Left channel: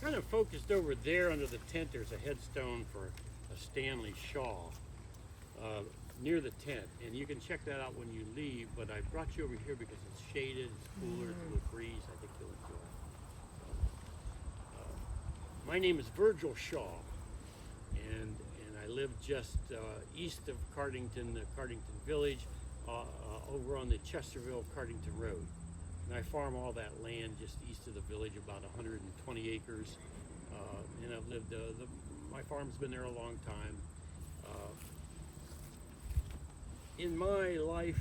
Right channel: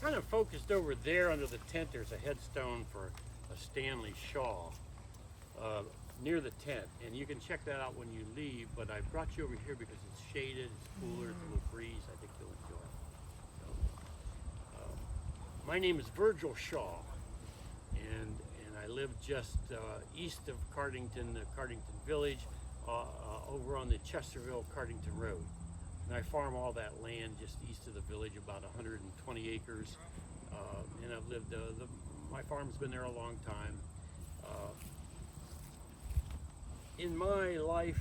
kind of focused over there under the tent. There's a headstone for a Stanley Shaw near the tent, and you can check that out when you leave, but I brought you over here because it's shaded, it's cooler, it's a little breeze. I think you'll enjoy it. My name is Virgil Shaw, and I live just east of Cardington, Cardington Village, over on the Chesterville Cardington Road. And I farm all that land just east of the village, about 120 acres. And I've lived, my farm's been there a long time. In my life,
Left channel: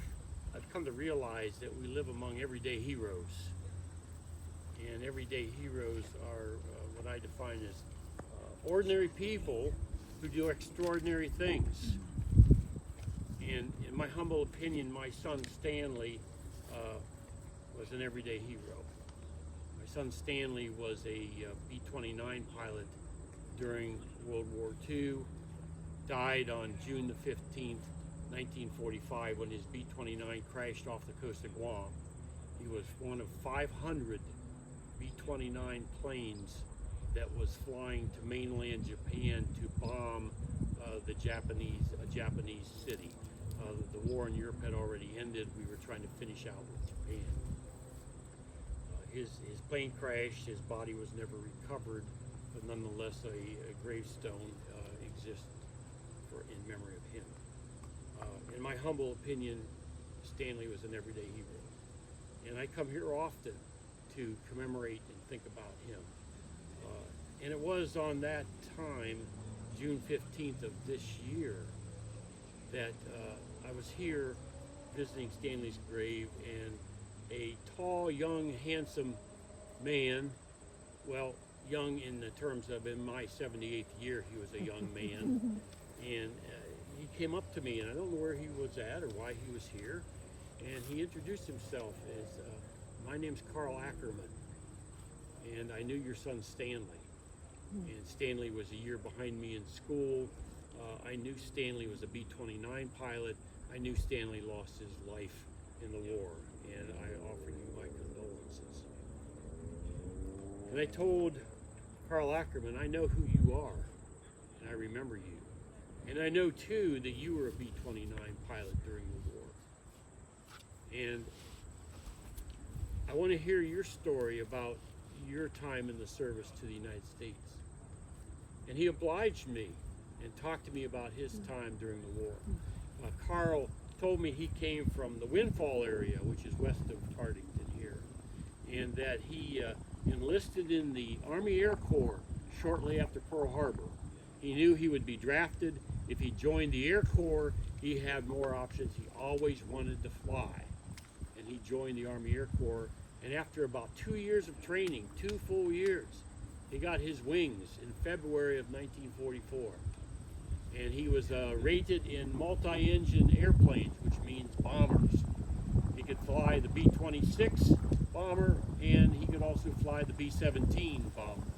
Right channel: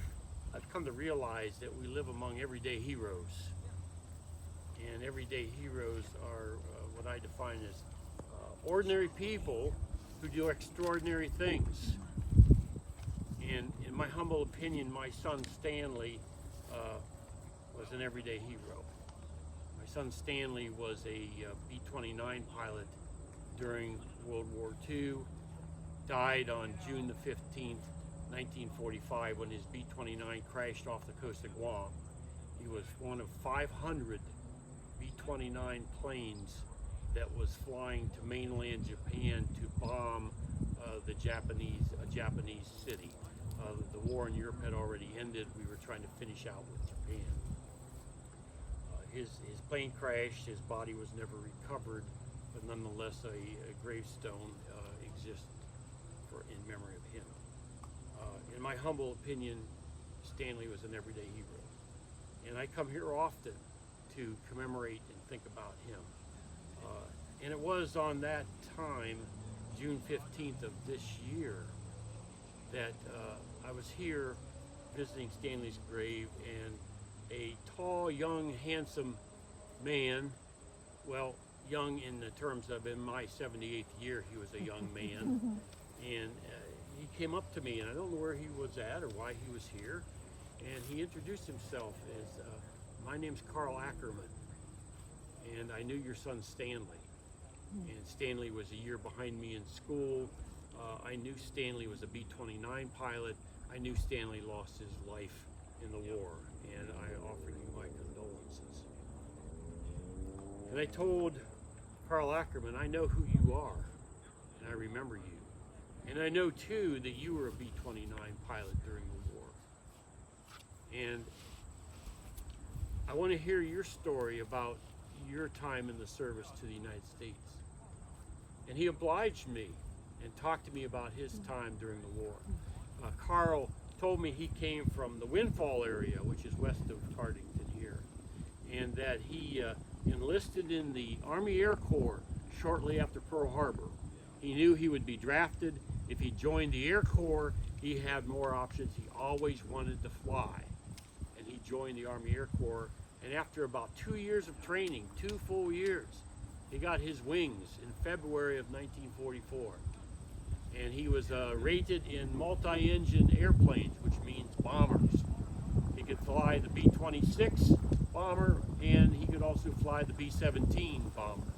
I've come to realize that we live among everyday heroes. And everyday heroes are what I define as ordinary people who do extraordinary things. And in my humble opinion, my son Stanley was an everyday hero. My son Stanley was a B-29 pilot during World War II, died on June the 15th, 1945, when his B-29 crashed off the coast of Guam. He was one of 500 B-29 planes that was flying to mainland Japan to bomb a Japanese city. The war in Europe had already ended. We were trying to finish out with Japan. His plane crashed. His body was never recovered, but nonetheless, a gravestone exists in memory of him. In my humble opinion, Stanley was an everyday hero, and I come here often to commemorate and think about him. And it was on that time, June 15th of this year, that I was here visiting Stanley's grave, and a tall, young, handsome man, well, young in the terms of in my 78th year, he was a young man, and he came up to me, and I don't know where he was at or why he was here, and he introduced himself as, my name's Carl Ackerman, and I knew your son Stanley. And Stanley was a year behind me in school. I knew Stanley was a B-29 pilot. I knew Stanley lost his life in the war, and I offer you my condolences. And I told Carl Ackerman, I know who you are, and I remember you. And I know too that you were a B-29 pilot during the war. And I want to hear your story about your time in the service to the United States. And he obliged me and talked to me about his time during the war. Carl told me he came from the Windfall area, which is west of Cardington here, and that he enlisted in the Army Air Corps shortly after Pearl Harbor. He knew he would be drafted. If he joined the Air Corps, he had more options. He always wanted to fly. And he joined the Army Air Corps, and after about 2 years of training, 2 full years, he got his wings in February of 1944. And he was rated in multi-engine airplanes, which means bombers. He could fly the B-26 bomber, and he could also fly the B-17 bomber.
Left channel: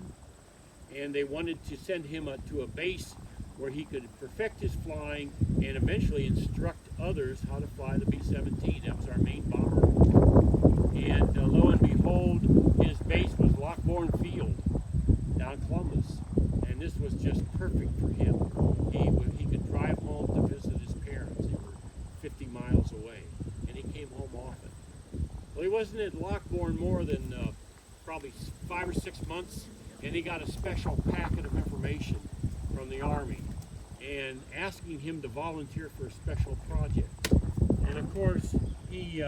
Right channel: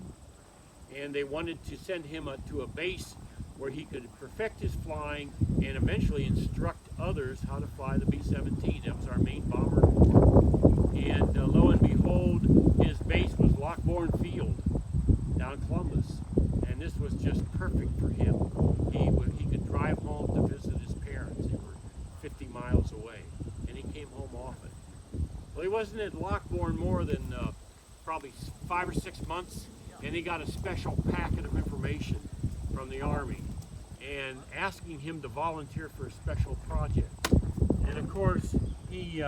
And they wanted to send him to a base where he could perfect his flying and eventually instruct others how to fly the B-17. That was our main bomber. And lo and behold, his base was Lockbourne Field down in Columbus. And this was just perfect for him. He could drive home to visit his parents. They were 50 miles away, and he came home often. Well, he wasn't at Lockbourne more than probably 5 or 6 months, and he got a special packet of information from the Army and asking him to volunteer for a special project. And of course, he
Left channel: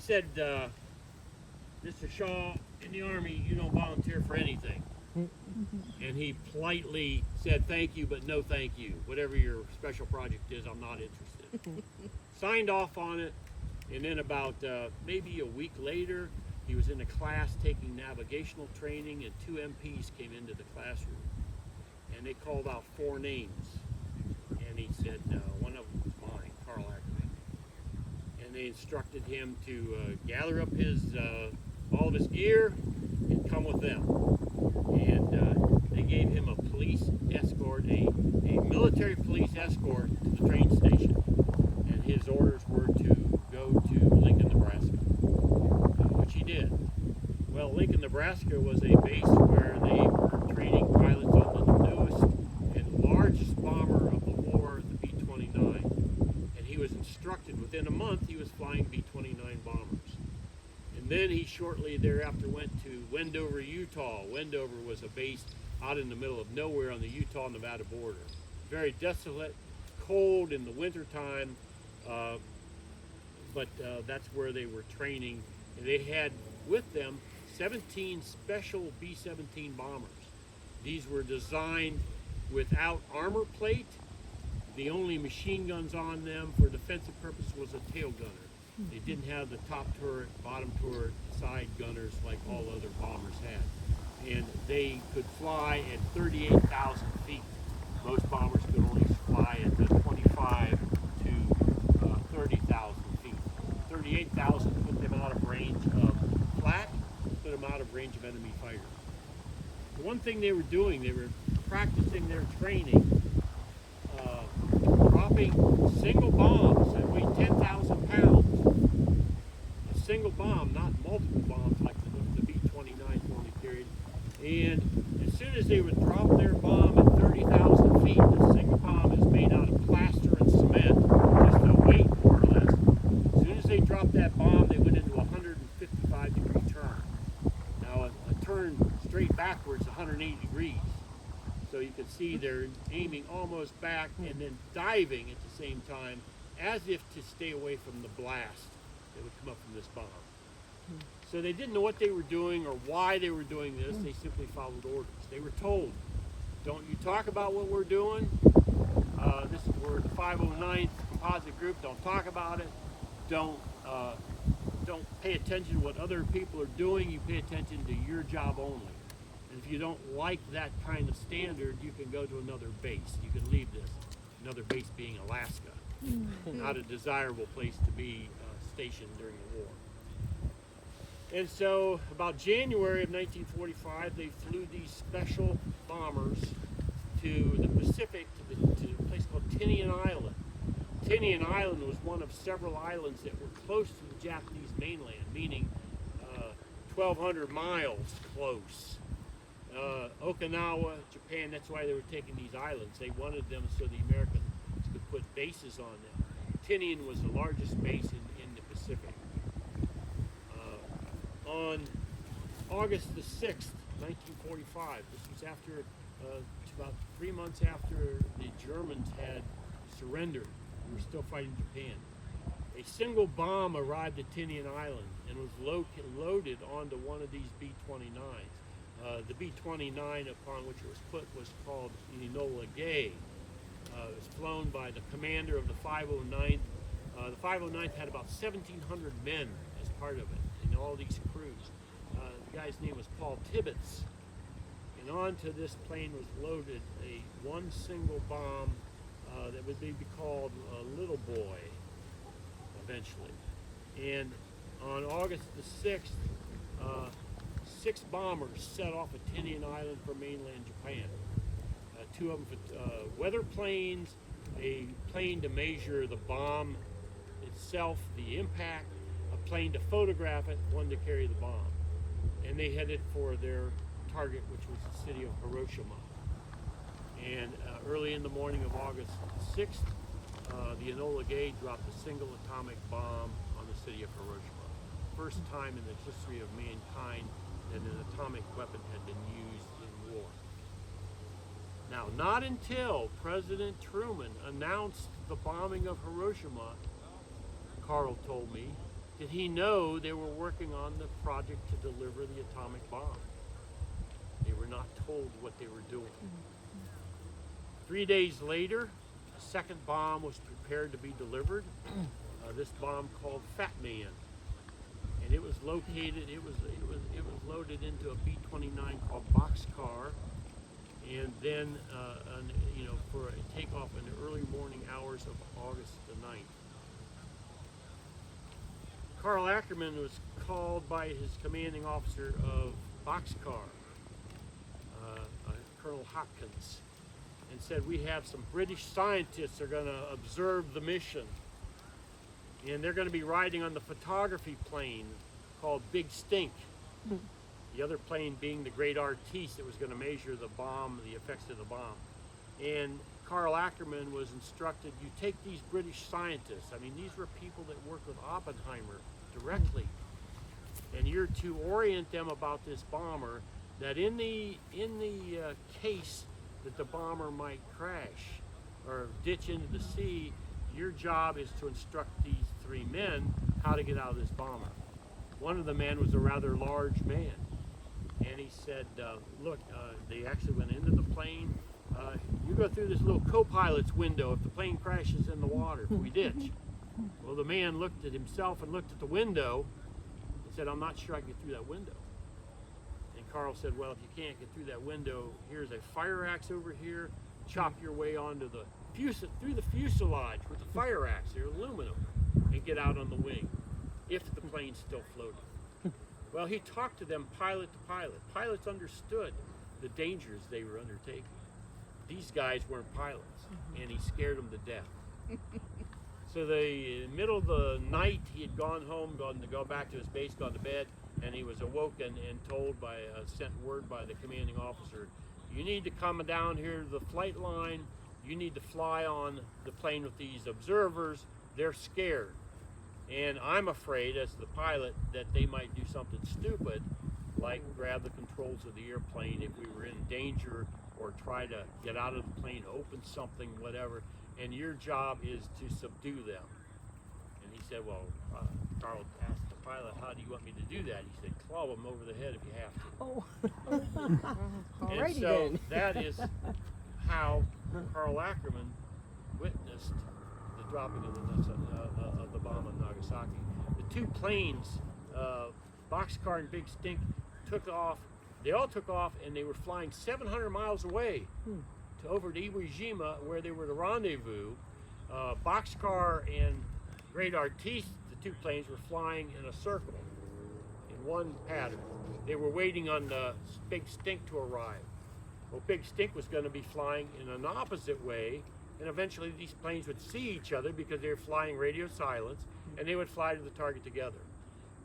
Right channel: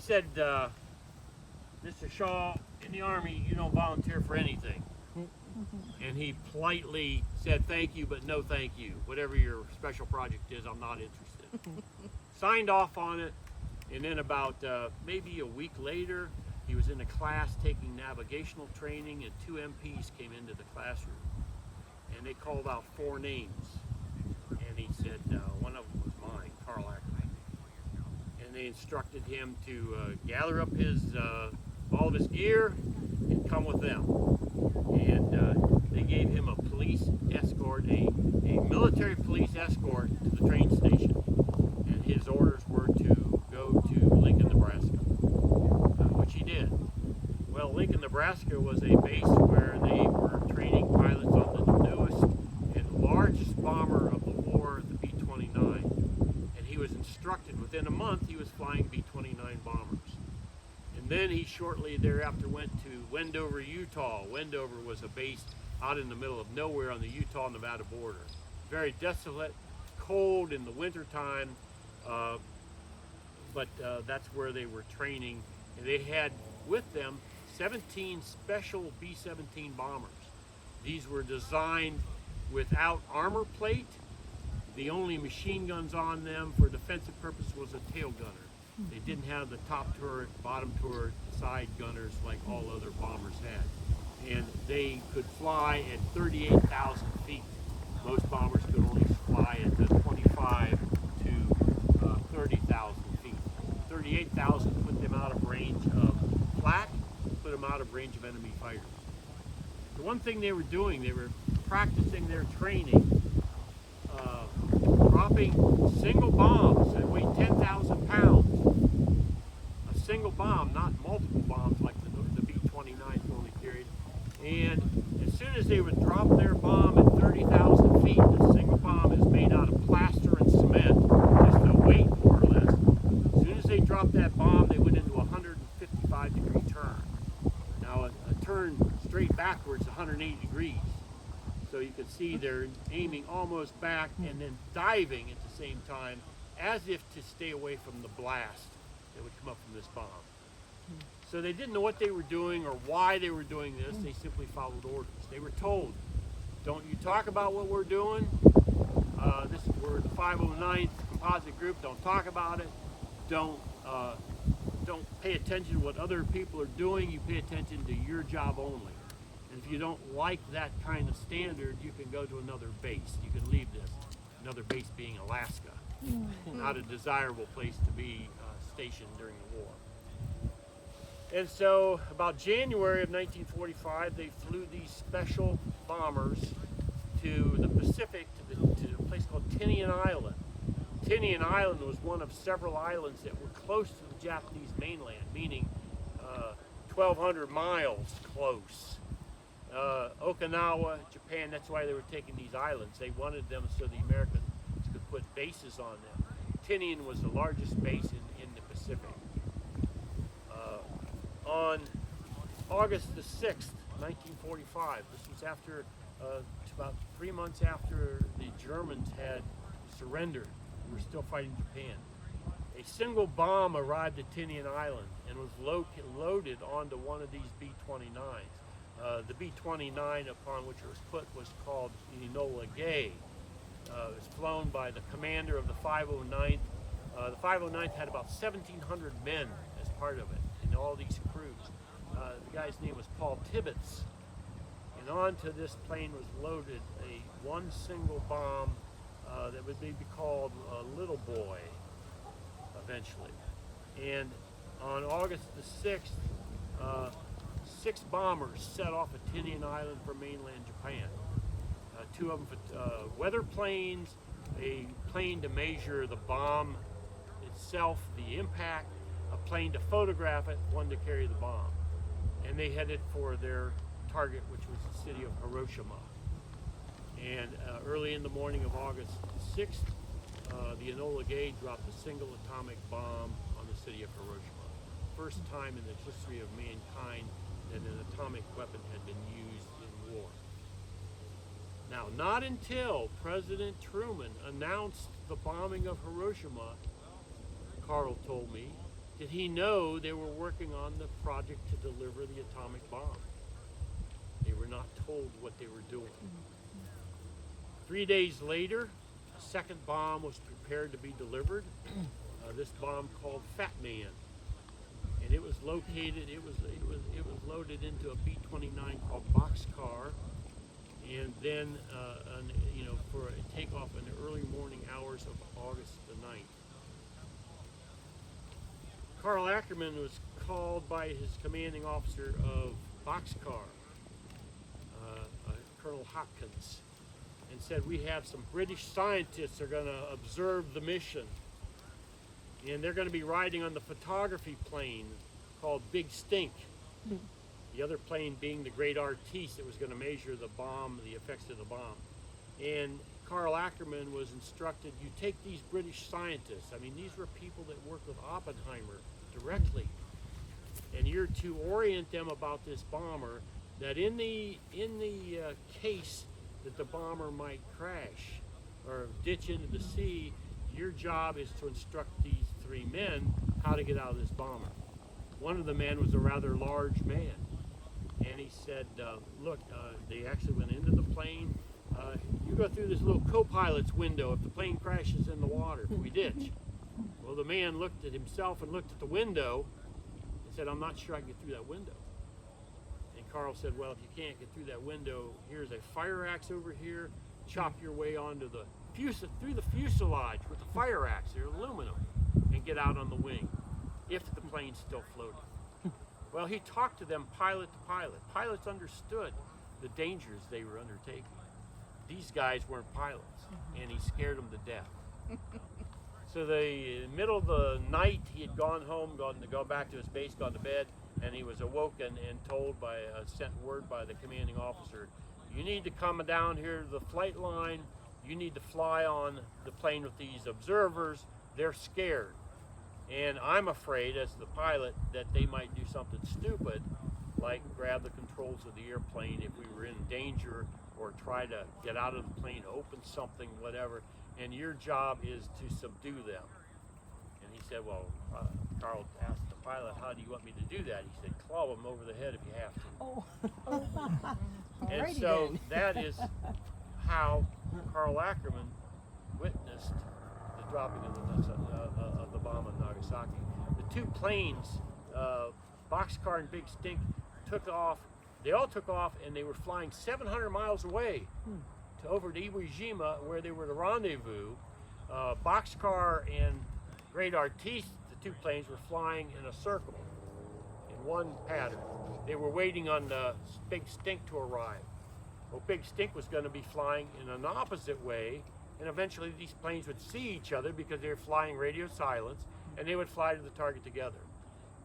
said, Mr. Shaw, in the Army, you don't volunteer for anything. And he politely said, thank you, but no thank you. Whatever your special project is, I'm not interested. Signed off on it, and then about maybe a week later, he was in a class taking navigational training, and 2 MPs came into the classroom. And they called out 4 names. And he said, one of them was mine, Carl Ackerman. And they instructed him to gather up all of his gear and come with them. And they gave him a police escort, a military police escort to the train station. And his orders were to go to Lincoln, Nebraska, which he did. Well, Lincoln, Nebraska was a base where they were training pilots on the newest and largest bomber of the war, the B-29. And he was instructed within a month he was flying B-29 bombers. And then he shortly thereafter went to Wendover, Utah. Wendover was a base out in the middle of nowhere on the Utah-Nevada border. Very desolate, cold in the wintertime, but that's where they were training. And they had with them 17 special B-17 bombers. These were designed without armor plate. The only machine guns on them for defensive purpose was a tail gunner. They didn't have the top turret, bottom turret, side gunners like all other bombers had. And they could fly at 38,000 feet. Most bombers could only fly at 25 to 30,000 feet. 38,000 put them out of range of flat, put them out of range of enemy fighters. The one thing they were doing, they were practicing their training, dropping single bombs that weighed 10,000 pounds. A single bomb, not multiple bombs like the B-29s only carried. And as soon as they would drop their bomb at 30,000 feet, the single bomb is made out of plaster and cement, just the weight more or less. As soon as they dropped that bomb, they went into a 155-degree turn. Now a turn straight backwards, 180 degrees. So you can see they're aiming almost back and then diving at the same time, as if to stay away from the blast that would come up from this bomb. So they didn't know what they were doing or why they were doing this. They simply followed orders. They were told, don't you talk about what we're doing. This is where the 509th Composite Group, don't talk about it. Don't pay attention to what other people are doing. You pay attention to your job only. And if you don't like that kind of standard, you can go to another base. You can leave this. Another base being Alaska. Not a desirable place to be stationed during the war. And so about January of 1945, they flew these special bombers to the Pacific, to a place called Tinian Island. Tinian Island was one of several islands that were close to the Japanese mainland, meaning 1,200 miles close. Okinawa, Japan, that's why they were taking these islands. They wanted them so the Americans could put bases on them. Tinian was the largest base in the Pacific. On August the 6th, 1945, this was after, about 3 months after the Germans had surrendered. We were still fighting Japan. A single bomb arrived at Tinian Island and was loaded onto one of these B-29s. The B-29 upon which it was put was called the Enola Gay. It was flown by the commander of the 509th. The 509th had about 1,700 men as part of it in all these crews. The guy's name was Paul Tibbets. And onto this plane was loaded one single bomb that would be called Little Boy eventually. And on August the 6th, 6 bombers set off at Tinian Island for mainland Japan. 2 of them for weather planes, a plane to measure the bomb itself, the impact, a plane to photograph it, one to carry the bomb. And they headed for their target, which was the city of Hiroshima. And early in the morning of August 6th, the Enola Gay dropped a single atomic bomb on the city of Hiroshima. First time in the history of mankind that an atomic weapon had been used in war. Now, not until President Truman announced the bombing of Hiroshima, Carl told me, did he know they were working on the project to deliver the atomic bomb. They were not told what they were doing. 3 days later, a second bomb was prepared to be delivered. This bomb called Fat Man. And it was located, it was loaded into a B-29 called Boxcar, and then for a takeoff in the early morning hours of August the 9th. Carl Ackerman was called by his commanding officer of Boxcar, Colonel Hopkins, and said, we have some British scientists that are going to observe the mission. And they're going to be riding on the photography plane called Big Stink. the other plane being the great artiste that was going to measure the bomb, the effects of the bomb. And Karl Ackerman was instructed, you take these British scientists, I mean, these were people that worked with Oppenheimer directly, and you're to orient them about this bomber, that in the case that the bomber might crash or ditch into the sea, your job is to instruct these three men how to get out of this bomber. One of the men was a rather large man, and he said, look, they actually went into the plane. You go through this little co-pilot's window if the plane crashes in the water, if we ditch. Well, the man looked at himself and looked at the window and said, I'm not sure I can get through that window. And Karl said, well, if you can't get through that window, here's a fire axe over here. Chop your way onto the through the fuselage with the fire axe, they're aluminum, and get out on the wing, if the plane's still floating. Well, he talked to them pilot to pilot. Pilots understood the dangers they were undertaking. These guys weren't pilots, and he scared them to death. So the middle of the night, he had gone home, gone back to his base, gone to bed, and he was awoken and told sent word by the commanding officer, you need to come down here to the flight line. You need to fly on the plane with these observers. They're scared. And I'm afraid, as the pilot, that they might do something stupid, like grab the controls of the airplane if we were in danger, or try to get out of the plane, open something, whatever. And your job is to subdue them. And he said, well, Karl asked the pilot, how do you want me to do that? He said, claw them over the head if you have to. Oh, and so then. that is how Karl Ackerman witnessed the dropping of the bomb in Nagasaki. The two planes, Boxcar and Big Stink, took off. They all took off, and they were flying 700 miles away over to Iwo Jima, where they were to rendezvous. Boxcar and Great Artiste, the two planes, were flying in a circle in one pattern. They were waiting on Big Stink to arrive. Well, Big Stink was going to be flying in an opposite way, and eventually these planes would see each other because they were flying radio silence, and they would fly to the target together.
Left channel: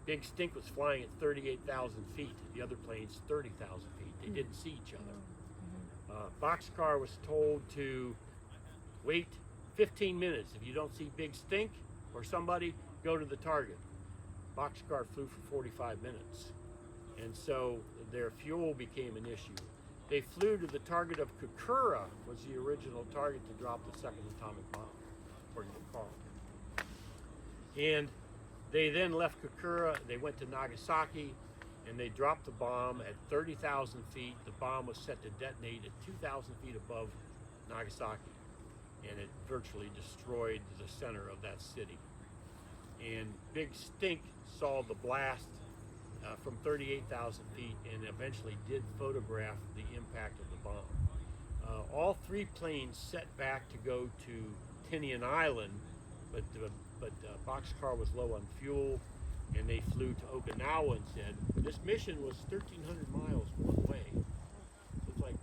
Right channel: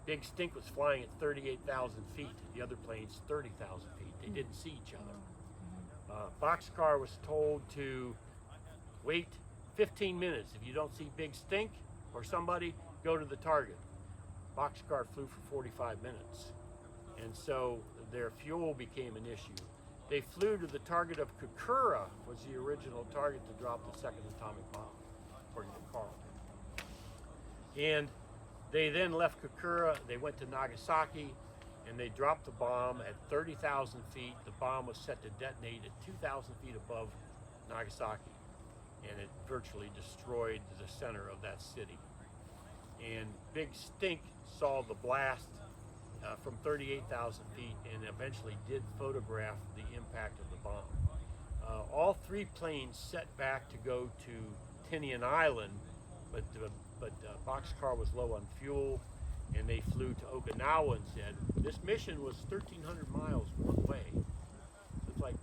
Big Stink was flying at 38,000 feet. The other planes, 30,000 feet. They didn't see each other. Boxcar was told to wait 15 minutes. If you don't see Big Stink or somebody, go to the target. Boxcar flew for 45 minutes. And so their fuel became an issue. They flew to the target of Kokura, was the original target to drop the second atomic bomb, according to Karl. And they then left Kokura, they went to Nagasaki, and they dropped the bomb at 30,000 feet. The bomb was set to detonate at 2,000 feet above Nagasaki, and it virtually destroyed the center of that city. And Big Stink saw the blast from 38,000 feet and eventually did photograph the impact of the bomb. All three planes set back to go to Tinian Island, but Boxcar was low on fuel, and they flew to Okinawa instead. This mission was 1,300 miles one way. It's like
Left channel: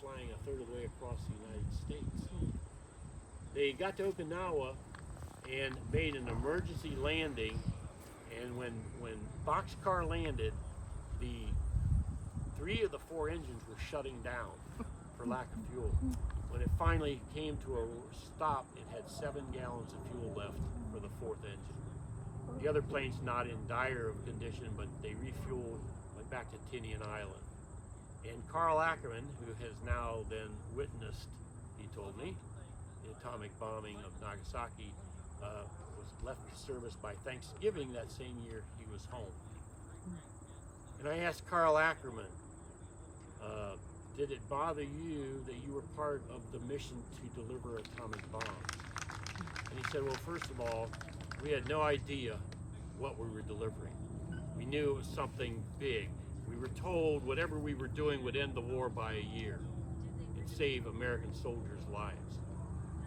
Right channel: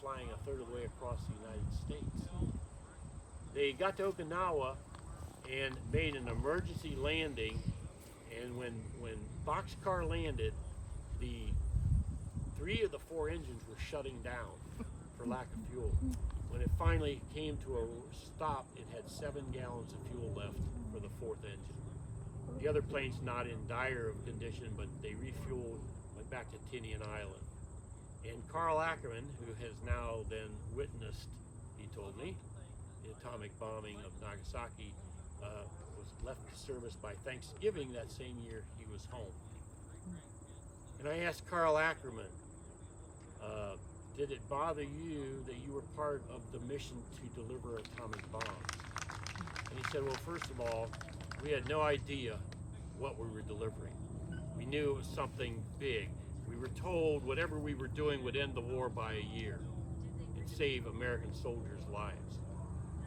flying a third of the way across the United States. They got to Okinawa and made an emergency landing, and when Boxcar landed, the 3 of the 4 engines were shutting down for lack of fuel. When it finally came to a stop, it had 7 gallons of fuel left for the 4th engine. The other plane's not in dire of condition, but they refueled, went back to Tinian Island. And Karl Ackerman, who has now then witnessed, he told me, the atomic bombing of Nagasaki, was left service by Thanksgiving that same year he was home. And I asked Karl Ackerman, did it bother you that you were part of the mission to deliver atomic bombs? And he said, well, first of all, we had no idea what we were delivering. We knew it was something big. We were told whatever we were doing would end the war by a year and save American soldiers' lives.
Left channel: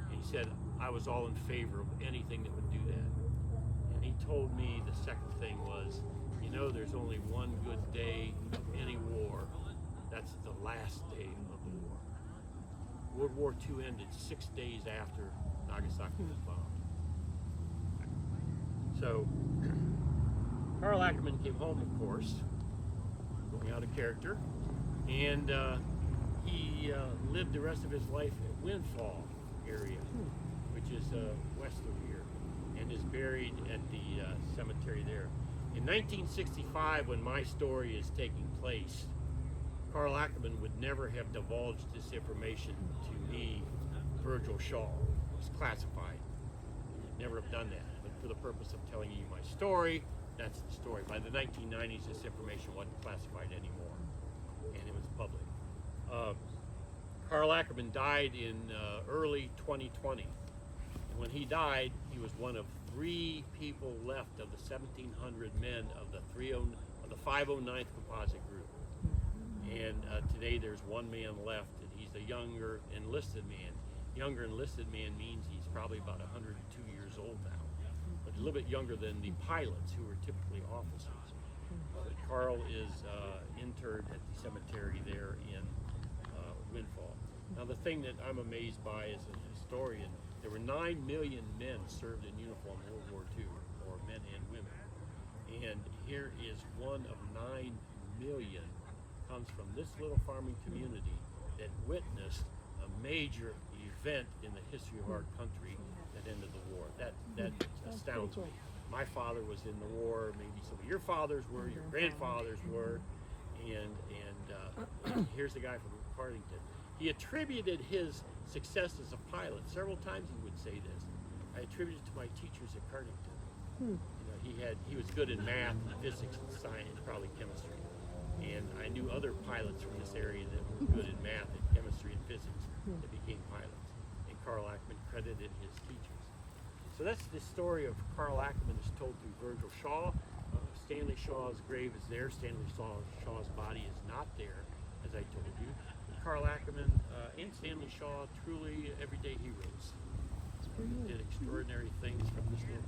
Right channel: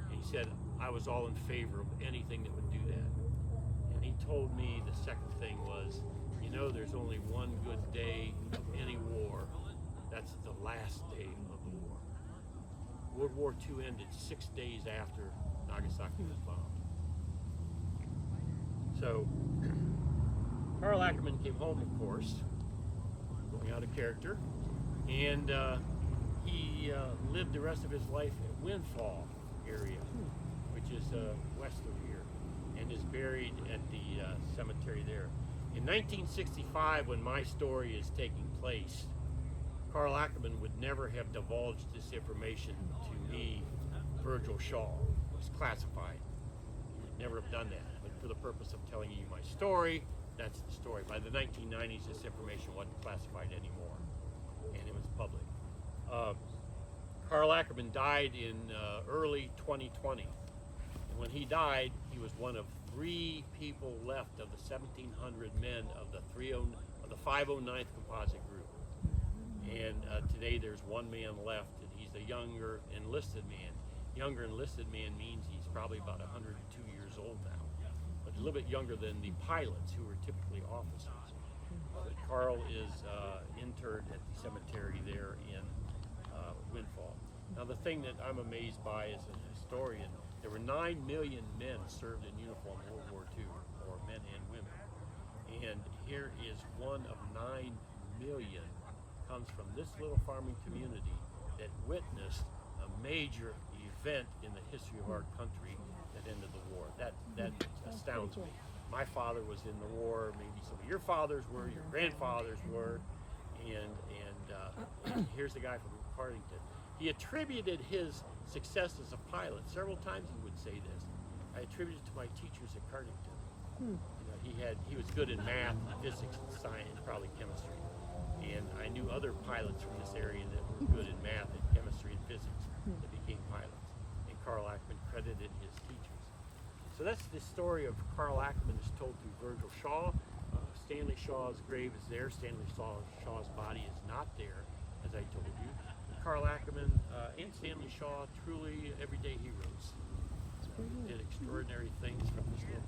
And he said, I was all in favor of anything that would do that. And he told me the second thing was, you know, there's only one good day of any war. That's the last day of the war. World War II ended 6 days after Nagasaki was bombed. So, Karl Ackerman came home, of course, out of character, and he lived the rest of his life at Windfall area, which is west of here, and is buried at the cemetery there. In 1965, when my story is taking place, Carl Ackerman would never have divulged this information to me, Virgil Shaw. It was classified. He would never have done that. But for the purpose of telling you my story, that's the story. By the 1990s, this information wasn't classified anymore, and it was public. Carl Ackerman died in early 2020. And when he died, he was one of 3 people left of the 1,700 men of the 509th Composite Group. And today there's 1 man left, and he's a younger enlisted man. Younger enlisted man means he's probably about 102 years old now, but a little bit younger than the pilots, who were typically officers. But Carl is interred at the cemetery there in Windfall. Now, the thing that I'm amazed by as a historian, there were 9 million men served in uniform in World War II, or men and women. And here is one of 9 million comes from this little farming community that witnessed a major event in the history of our country that ended the war. That astounds me. My father was in the war, maybe some of your fathers were, your grandfathers were, and here's the guy from Cardington. He attributed his success as a pilot. Several times he would say this. I attribute it to my teachers at Cardington. You know, he was good in math, physics, and science, probably chemistry. And I knew other pilots from this area that were good in math and chemistry and physics that became pilots. And Carl Ackerman credited his teachers. So that's the story of Carl Ackerman as told through Virgil Shaw. Stanley Shaw's grave is there. Stanley Shaw's body is not there, as I told you. Carl Ackerman and Stanley Shaw, truly everyday heroes. Did extraordinary things from this little